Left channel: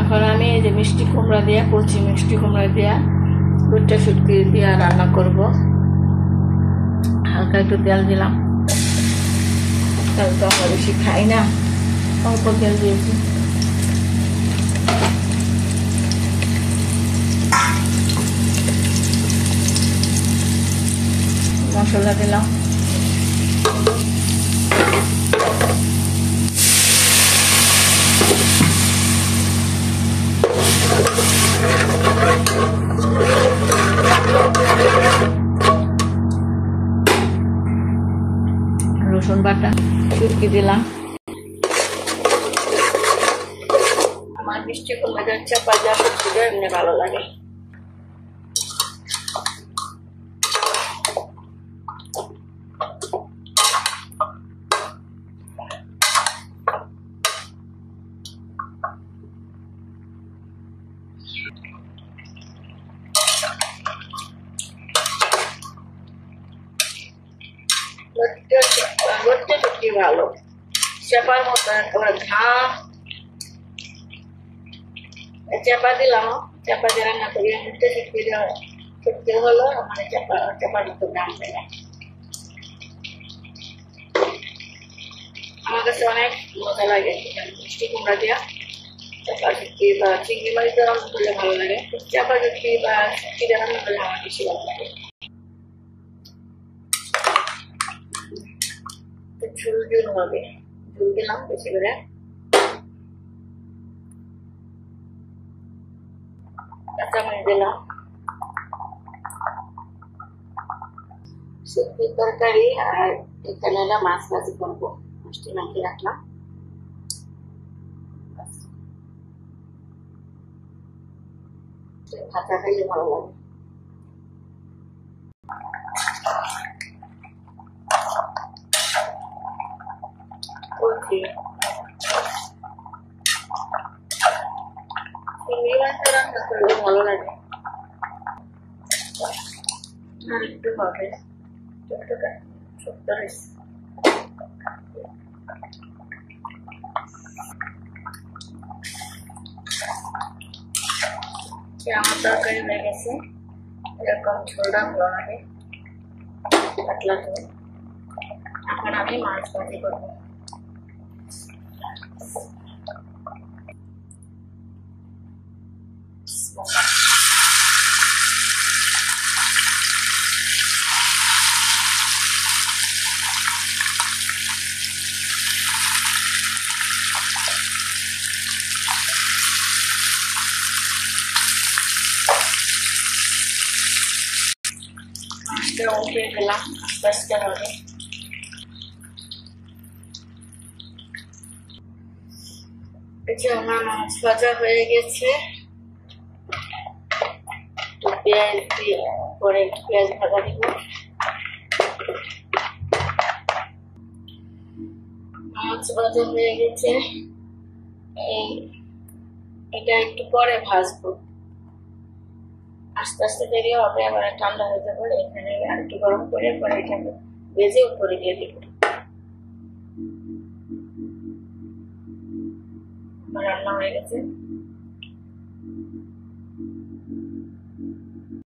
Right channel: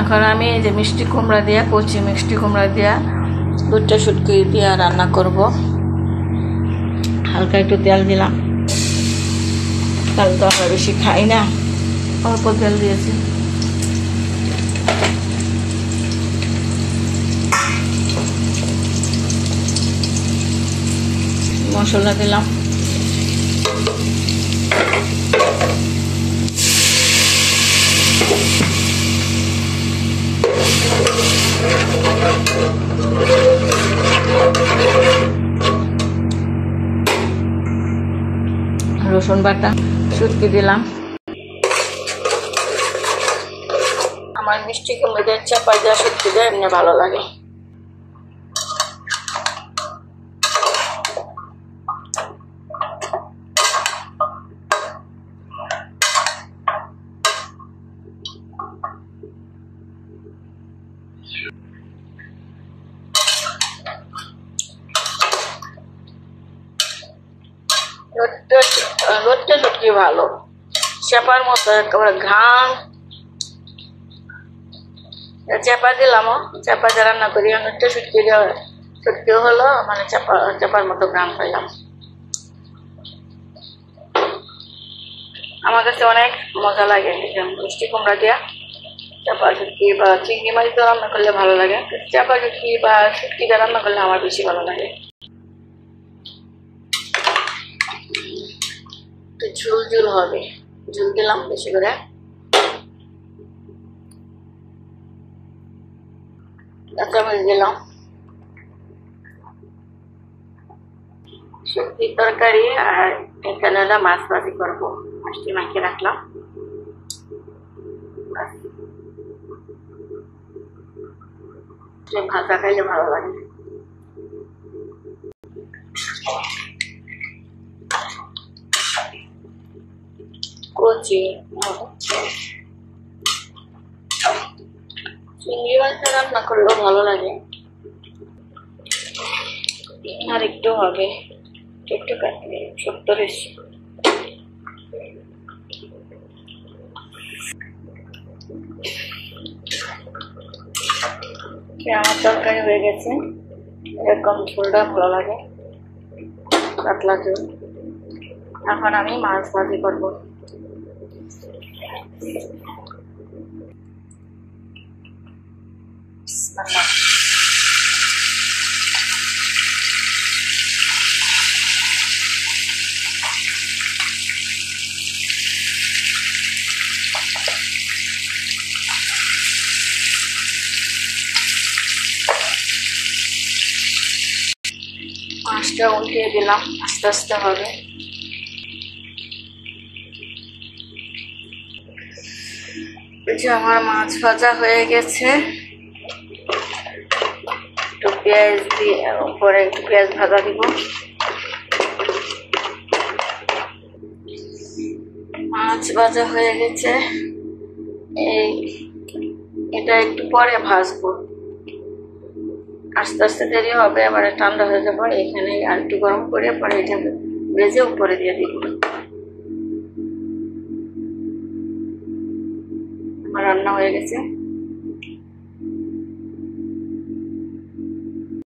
এখন আমি এই যে মিষ্টি কুমড়া দিয়া, কচি মিষ্টি কুমড়া দিয়া দুধটা শুটকি দিয়া রান্না করব। হালকা একটু তেল দিলাম, তেল তো আমরা বেশি খাই না, অল্প তেল দিয়েছি। মশলা দিলাম, রসুন বাটা, শুটকি দিলাম। আমার মিষ্টি কুমড়া চাপা দেওয়া শুটকি দেওয়া এমনি ভালো লাগে। লোটটা শুটকি ভালো, চাপার মতো একেবারে ঘাম। চাপা দিলামও, চাপা দিয়ে রান্না করি। লোটটা শুটকি দেওয়া শুটকি হলো মানে চাপার মতো ঘাম পাইলাম। আমার কাছে অনেক মজা লাগে মিষ্টি কুমড়া দিয়া চাপা শুটকি বা চিংড়ি মাছ দিয়ে রান্না করলে ভালো লাগে। চাপা শুটকি বা শুটকি দিয়ে রান্না করলে আমার বেশি ভালো লাগে। একটু ঝুল ঝুল হবে, ঝুল দিলাম বেশি করে। কাঁচামরিচ দিলাম। শুটকির তরকারি আর এখানে হলো মাছ ভাজি করবো, মাছটি মাখিয়ে রাখলাম। ভাজা খাইলে ভালো লাগে। কচি চিংড়ি মাছ রান্না করলেও ভালো লাগে। আর একটু হবে, একটু কাটলে সত্য হয়েছে। আমার তরকারি হয়ে গেছে, এরকম ঝোলটা ভালো লাগে, পাতলা ঝোল। এখন আমি মাছ ভাজি করবো। মাছটা উল্টিয়ে দিলাম, আস্তে আস্তে হবে। এই যে আমার মাছ ভাজা হয়ে গেছে। একটু পেঁয়াজ দিয়ে উপরে একটু পেঁয়াজ ভাজা দিব। মাছ ভাজা হয়ে গেছে, এটা একটু পরে ভাজবো। আস্তে আস্তে দেরি হবে, আবার ঠান্ডা হয়ে যাবে। এখানে আর একটু গরম করে পরে এটা ভেজে উপরে দিয়ে দিব। আমার রান্না হয়ে গেছে।